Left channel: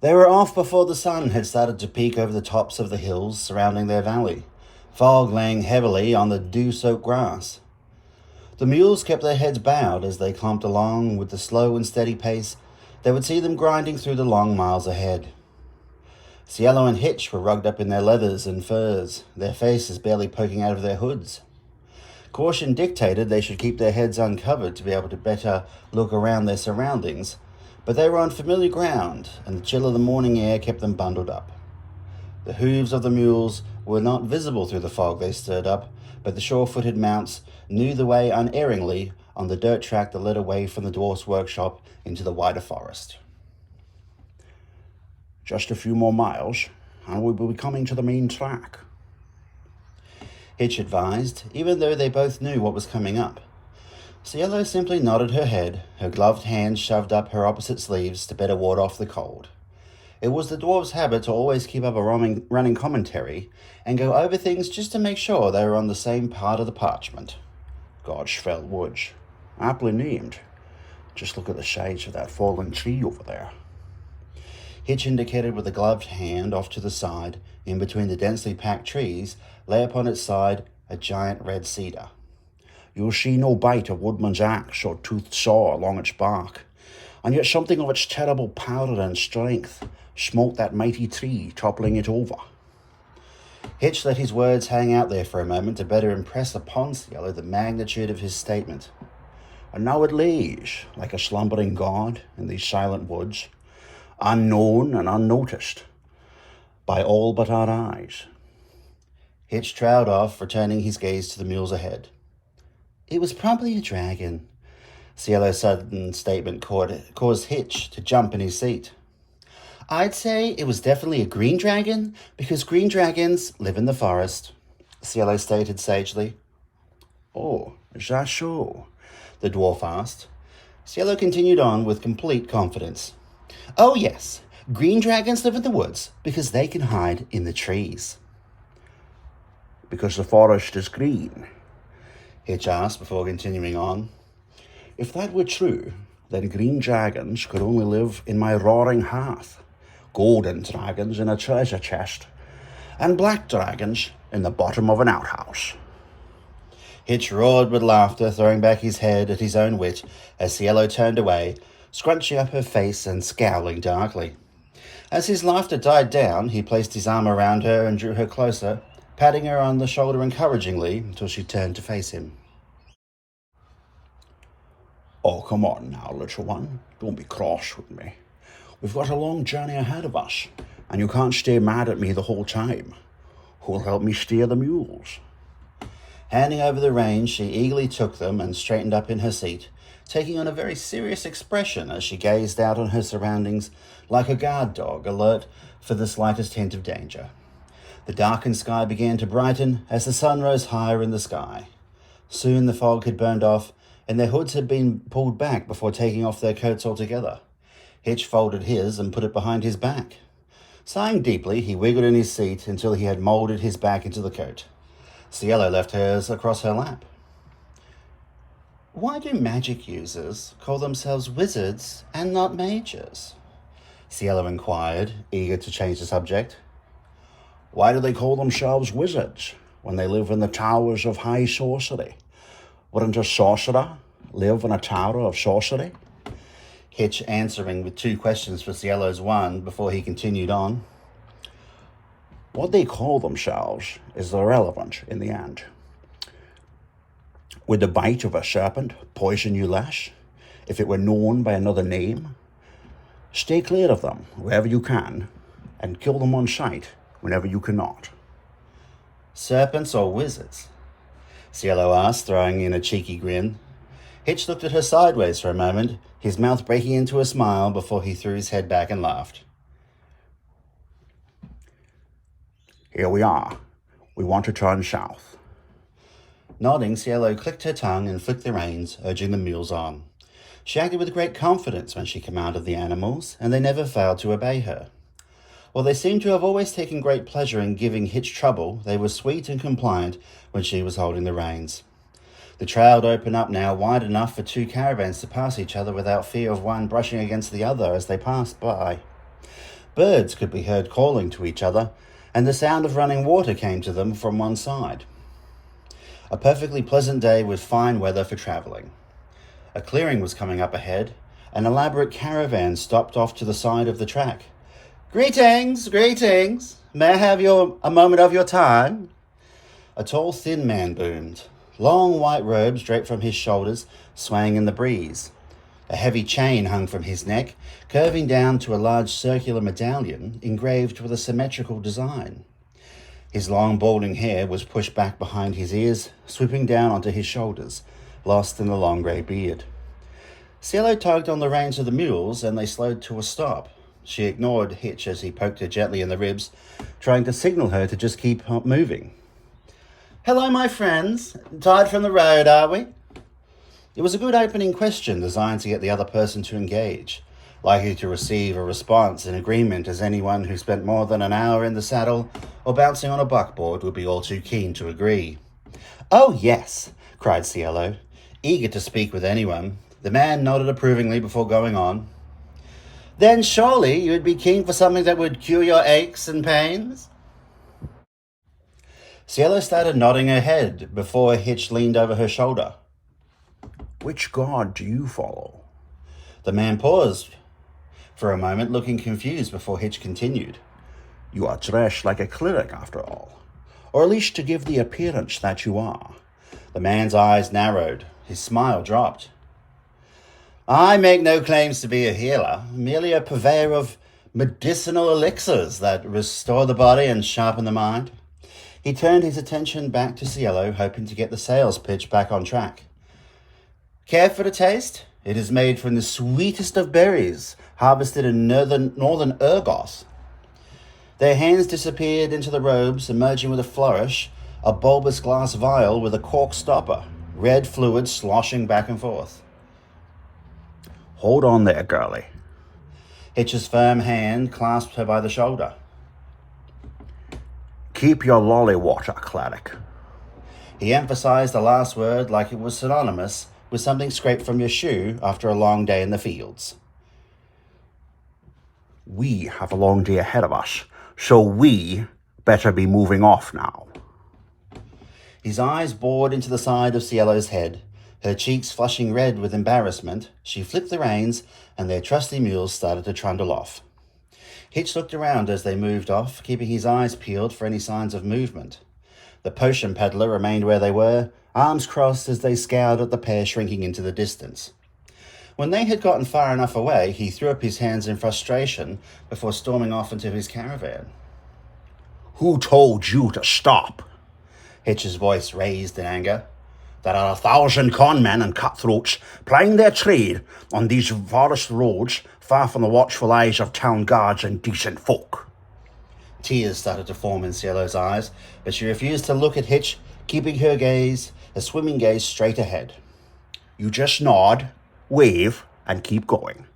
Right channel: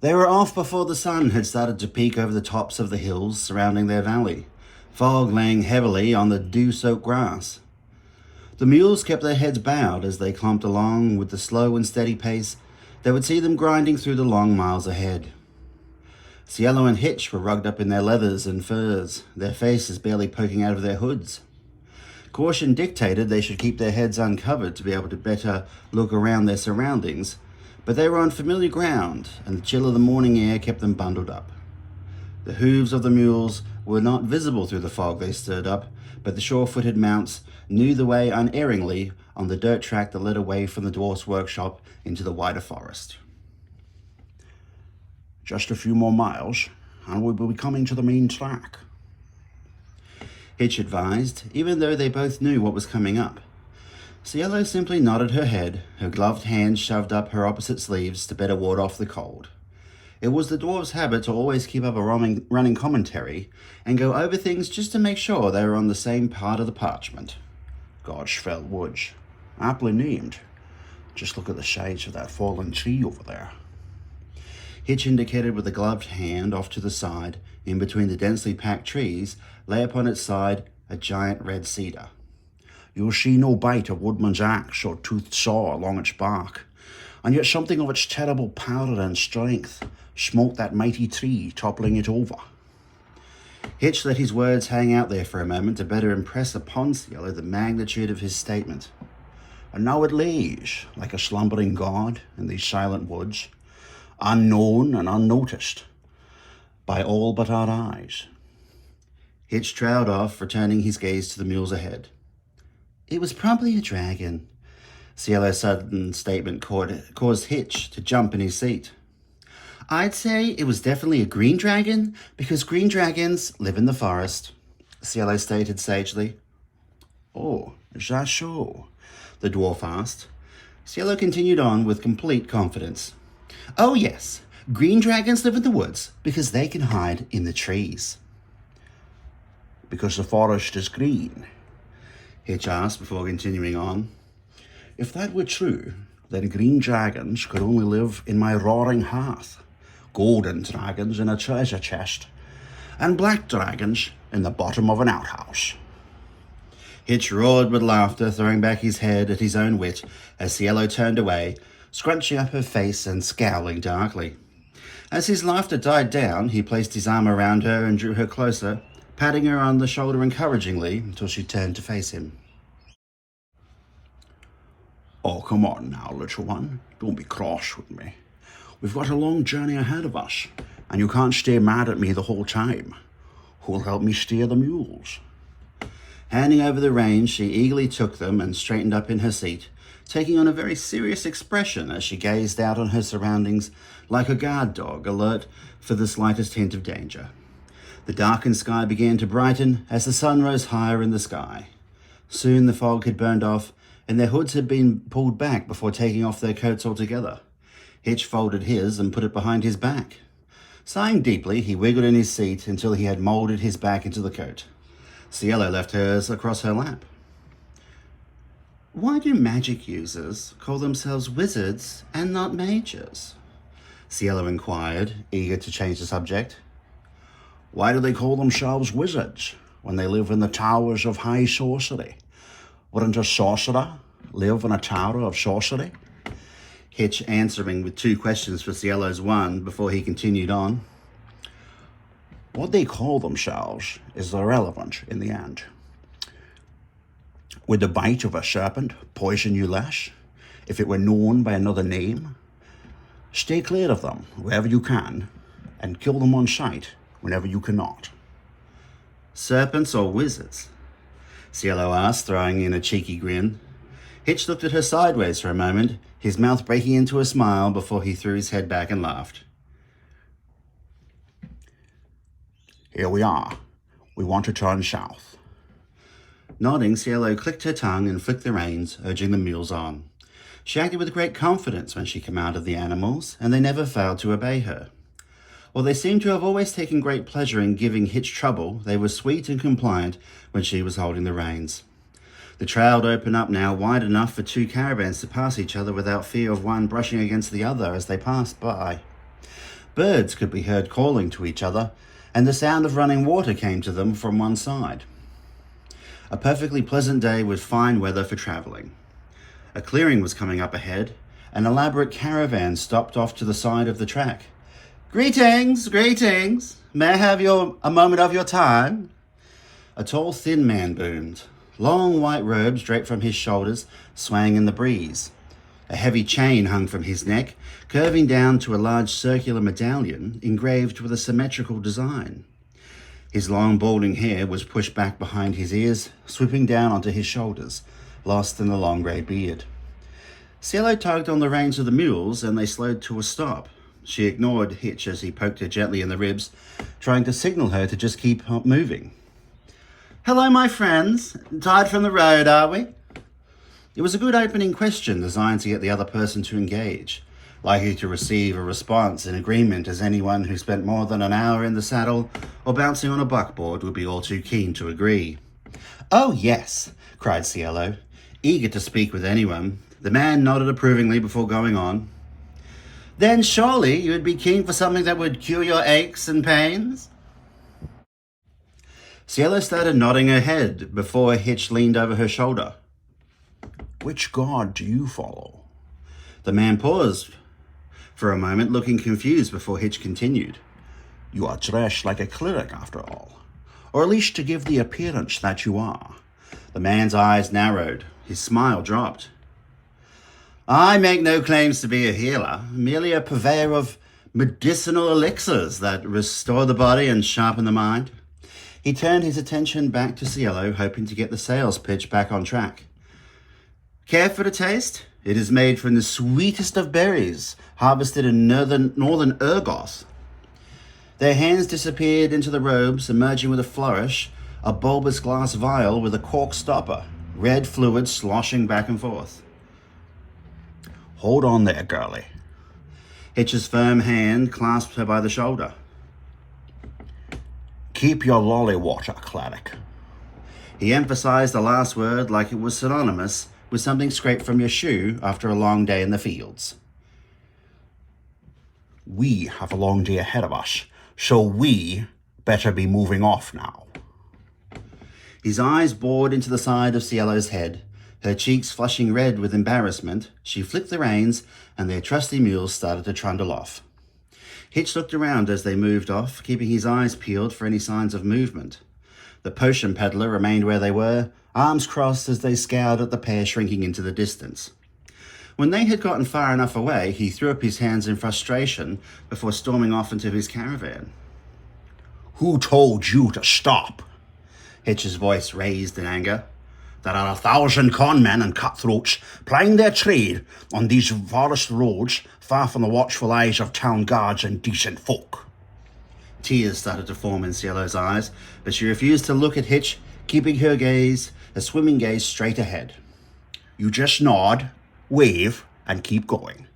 They were off before the sun had started to peek over the tops of the hills surrounding their valley, fog laying heavily on the dew-soaked grass. The mules kept their heads bowed as they clumped along with the slow and steady pace that would see them grinding through the long miles ahead. Cielo and Hitch were rugged up in their leathers and furs, their faces barely poking out of their hoods. Caution dictated they should keep their heads uncovered to be able to better look around their surroundings, but they were on familiar ground, and the chill of the morning air kept them bundled up. The hooves of the mules were not visible through the fog they stirred up, but the sure-footed mounts knew the way unerringly on the dirt track that led away from the dwarf's workshop into the wider forest. Just a few more miles, and we will be coming to the main track, Hitch advised, even though they both knew what was coming up. Cielo simply nodded her head, her gloved hands shoved up her opposite sleeves to better ward off the cold. It was the dwarf's habit to always keep up a running commentary and go over things just to make sure they were on the same part of the parchment. Godspell Woods, aptly named. Just look at the shades of that fallen tree over there. Hitch indicated with a gloved hand off to the side, in between the densely packed trees, lay upon its side a giant red cedar. You'll see no bite of woodman's axe or toothed saw along its bark, and yet something of its terrible power and strength smote that mighty tree, toppling it over. Hitch let his words hang out there for a moment to better impress upon Cielo the magnitude of his statement. And now it lays, like a slumbering god, in these silent woods, unknown and unnoticed by all but our eyes. Hitch trowed off, returning his gaze to the mules ahead. It was probably a dragon. Cielo's sudden statement caused Hitch to jump in his seat. I'd say it was definitely a green dragon, because green dragons live in the forest, Cielo stated sagely. Oh, is that so? The dwarf asked. Cielo continued on with complete confidence. Oh yes, green dragons live in the woods because they can hide in the trees. Because the forest is green? Hitch asked before continuing on. If that were true, then green dragons could only live in my roaring hearth, golden dragons in a treasure chest, and black dragons in the bottom of an outhouse. Hitch roared with laughter, throwing back his head at his own wit as Cielo turned away, scrunching up her face and scowling darkly. As his laughter died down, he placed his arm around her and drew her closer, patting her on the shoulder encouragingly until she turned to face him. Oh, come on now, little one. Don't be cross with me. We've got a long journey ahead of us, and you can't stay mad at me the whole time. Who'll help me steer the mules? Handing over the reins, she eagerly took them and straightened up in her seat, taking on a very serious expression as she gazed out on her surroundings like a guard dog alert for the slightest hint of danger. The darkened sky began to brighten as the sun rose higher in the sky. Soon the fog had burned off, and their hoods had been pulled back before taking off their coats altogether. Hitch folded his and put it behind his back. Sighing deeply, he wiggled in his seat until he had molded his back into the coat. Cielo left hers across her lap. Why do magic users call themselves wizards and not mages? Cielo inquired, eager to change the subject. Why do they call themselves wizards when they live in the towers of high sorcery? Wouldn't a sorcerer live in a tower of sorcery? Hitch answering with two questions for Cielo's one before he continued on. What they call themselves is irrelevant in the end. Would the bite of a serpent poison you less if it were known by another name? Stay clear of them wherever you can, and kill them on sight whenever you cannot. Serpents or wizards? Cielo asked, throwing in a cheeky grin. Hitch looked at her sideways for a moment, his mouth breaking into a smile before he threw his head back and laughed. Here we are. We want to turn south. Nodding, Cielo clicked her tongue and flicked the reins, urging the mules on. She acted with great confidence when she commanded the animals, and they never failed to obey her. While they seemed to have always taken great pleasure in giving Hitch trouble, they were sweet and compliant when she was holding the reins. The trail would open up now wide enough for two caravans to pass each other without fear of one brushing against the other as they passed by. Birds could be heard calling to each other, and the sound of running water came to them from one side. A perfectly pleasant day with fine weather for travelling. A clearing was coming up ahead. An elaborate caravan stopped off to the side of the track. "Greetings, greetings. May I have a moment of your time?" A tall, thin man boomed. Long white robes draped from his shoulders, swaying in the breeze. A heavy chain hung from his neck, curving down to a large circular medallion engraved with a symmetrical design. His long, balding hair was pushed back behind his ears, swooping down onto his shoulders, lost in the long grey beard. Cielo tugged on the reins of the mules, and they slowed to a stop. She ignored Hitch as he poked her gently in the ribs, trying to signal her to just keep moving. "Hello, my friends. Tired from the road, are we?" It was a good opening question designed to get the other person to engage, likely to receive a response in agreement as anyone who spent more than an hour in the saddle or bouncing on a buckboard would be all too keen to agree. "Oh, yes," cried Cielo, eager to speak with anyone. The man nodded approvingly before going on. "Then surely you would be keen for something that would cure your aches and pains?" Cielo started nodding her head before Hitch leaned over her shoulder. "Which god do you follow?" The man paused for a moment, looking confused before Hitch continued. "You are dressed like a cleric, after all, or at least to give the appearance that you are." The man's eyes narrowed. His smile dropped. "I make no claims to be a healer, merely a purveyor of medicinal elixirs that restore the body and sharpen the mind." He turned his attention back to Cielo, hoping to get the sales pitch back on track. "Care for a taste? It is made from the sweetest of berries, harvested in northern Urgos." Their hands disappeared into the robes, emerging with a flourish, a bulbous glass vial with a cork stopper, red fluid sloshing back and forth. "Hold on there, girlie." Hitch's firm hand clasped her by the shoulder. "Keep your lolly water, cleric." He emphasized the last word like it was synonymous with something scraped from your shoe after a long day in the fields. "We have a long day ahead of us, so we better be moving off now." His eyes bored into the side of Cielo's head. Her cheeks flushing red with embarrassment, she flipped the reins, and their trusty mules started to trundle off. Hitch looked around as they moved off, keeping his eyes peeled for any signs of movement. The potion peddler remained where they were, arms crossed as they scowled at the pair shrinking into the distance. When they had gotten far enough away, he threw up his hands in frustration before storming off into his caravan. "Who told you to stop?" Hitch's voice raised in anger. "There are 1,000 conmen and cutthroats plying their trade on these forest roads, far from the watchful eyes of town guards and decent folk." Tears started to form in Cielo's eyes, but she refused to look at Hitch, keeping her gaze, a swimming gaze, straight ahead. "You just nod, wave, and keep going.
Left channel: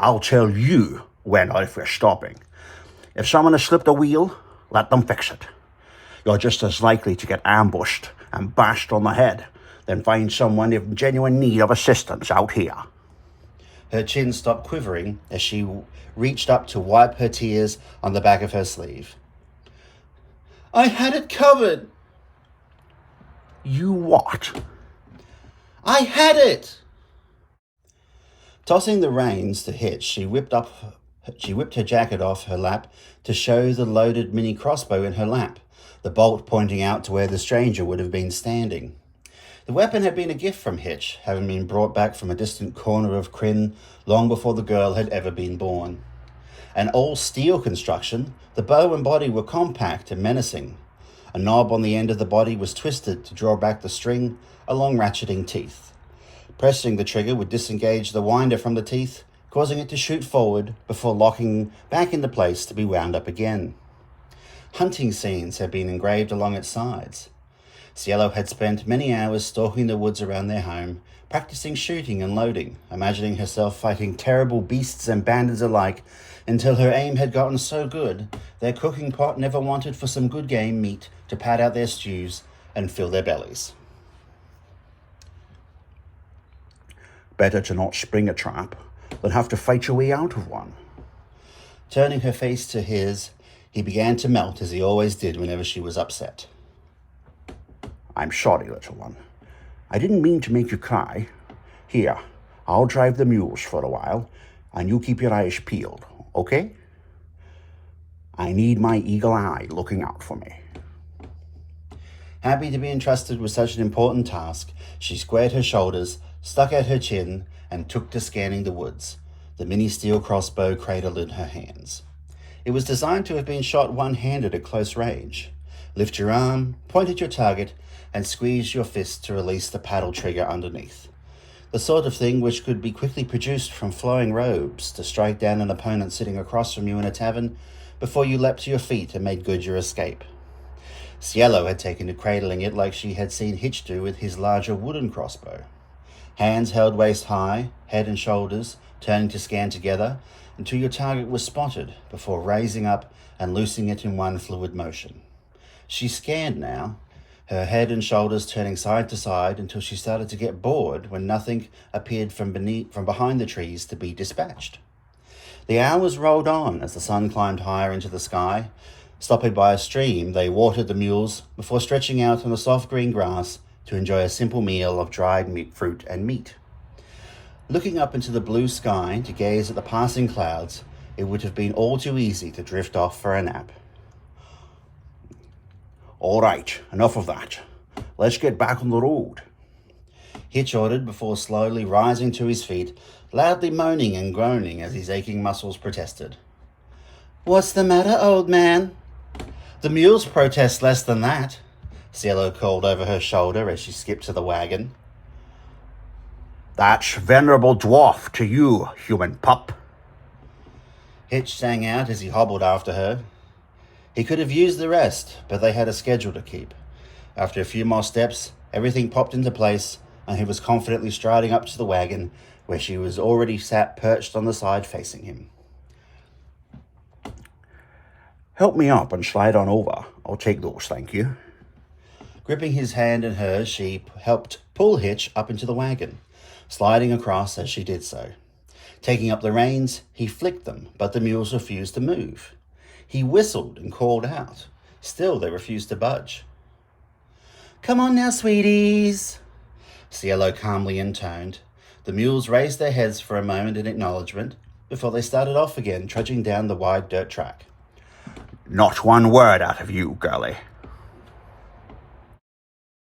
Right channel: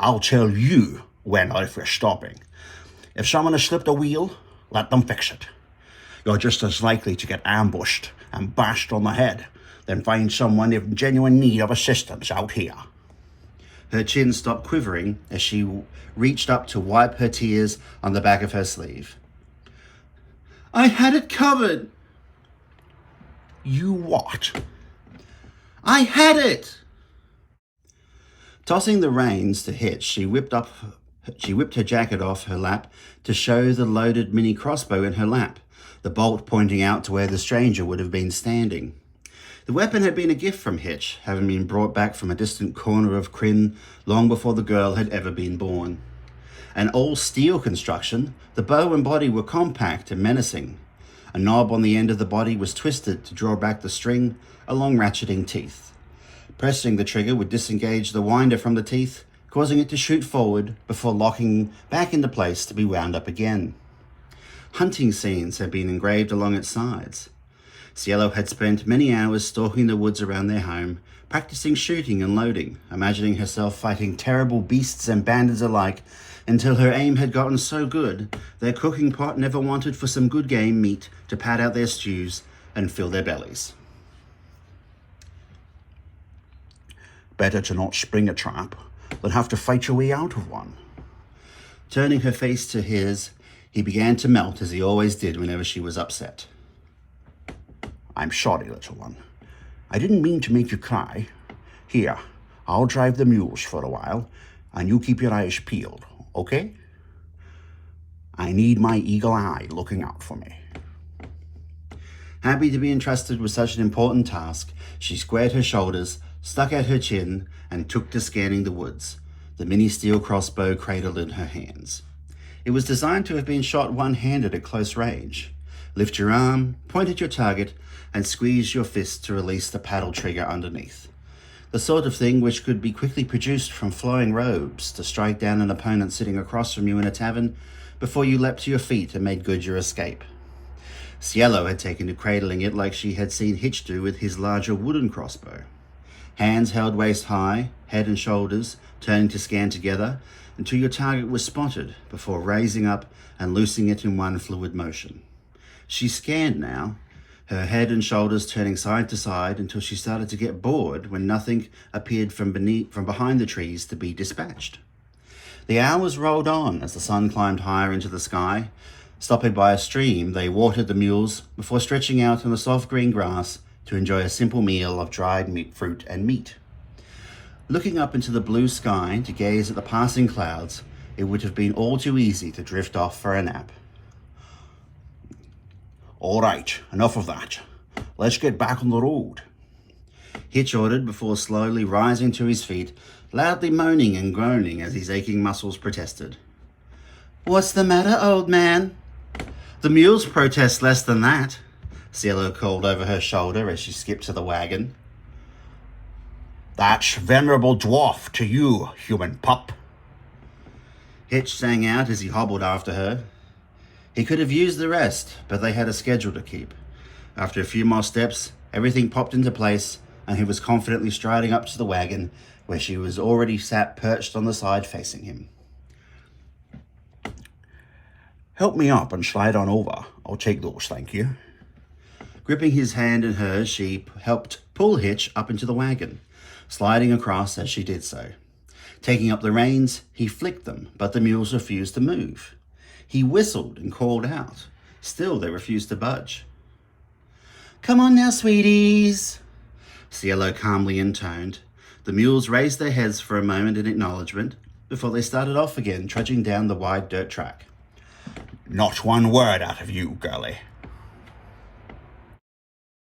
I'll tell you when or if we're stopping. If someone has slipped a wheel, let them fix it. You're just as likely to get ambushed and bashed on the head than find someone in genuine need of assistance out here." Her chin stopped quivering as she reached up to wipe her tears on the back of her sleeve. "I had it covered." "You what?" "I had it." Tossing the reins to Hitch, she whipped her jacket off her lap to show the loaded mini crossbow in her lap, the bolt pointing out to where the stranger would have been standing. The weapon had been a gift from Hitch, having been brought back from a distant corner of Kryn long before the girl had ever been born. An all-steel construction, the bow and body were compact and menacing. A knob on the end of the body was twisted to draw back the string along ratcheting teeth. Pressing the trigger would disengage the winder from the teeth, causing it to shoot forward before locking back into place to be wound up again. Hunting scenes had been engraved along its sides. Cielo had spent many hours stalking the woods around their home, practicing shooting and loading, imagining herself fighting terrible beasts and bandits alike, until her aim had gotten so good their cooking pot never wanted for some good game meat to pad out their stews and fill their bellies. "Better to not spring a trap than have to fight your way out of one." Turning her face to his, he began to melt as he always did whenever she was upset. I'm sorry, little one. I didn't mean to make you cry. Here, I'll drive the mules for a while, and you keep your eyes peeled, okay? I need my eagle eye looking out for me. Happy to be entrusted with such an important task, she squared her shoulders, stuck out her chin, and took to scanning the woods, the mini steel crossbow cradled in her hands. It was designed to have been shot one-handed at close range. Lift your arm, point at your target, and squeeze your fist to release the paddle trigger underneath. The sort of thing which could be quickly produced from flowing robes to strike down an opponent sitting across from you in a tavern before you leapt to your feet and made good your escape. Cielo had taken to cradling it like she had seen Hitch do with his larger wooden crossbow. Hands held waist high, head and shoulders turning to scan together until your target was spotted before raising up and loosing it in one fluid motion. She scanned now, her head and shoulders turning side to side until she started to get bored when nothing appeared from behind the trees to be dispatched. The hours rolled on as the sun climbed higher into the sky. Stopping by a stream, they watered the mules before stretching out on the soft green grass to enjoy a simple meal of dried fruit and meat. Looking up into the blue sky to gaze at the passing clouds, it would have been all too easy to drift off for a nap. All right, enough of that. Let's get back on the road. Hitch ordered before slowly rising to his feet, loudly moaning and groaning as his aching muscles protested. What's the matter, old man? The mules protest less than that, Cielo called over her shoulder as she skipped to the wagon. That's venerable dwarf to you, human pup. Hitch sang out as he hobbled after her. He could have used the rest, but they had a schedule to keep. After a few more steps, everything popped into place, and he was confidently striding up to the wagon, where she was already sat perched on the side facing him. Help me up and slide on over. I'll take those, thank you. Gripping his hand in hers, she helped pull Hitch up into the wagon, sliding across as she did so. Taking up the reins, he flicked them, but the mules refused to move. He whistled and called out. Still, they refused to budge. Come on now, sweeties, Cielo calmly intoned. The mules raised their heads for a moment in acknowledgement before they started off again, trudging down the wide dirt track. Not one word out of you, girlie.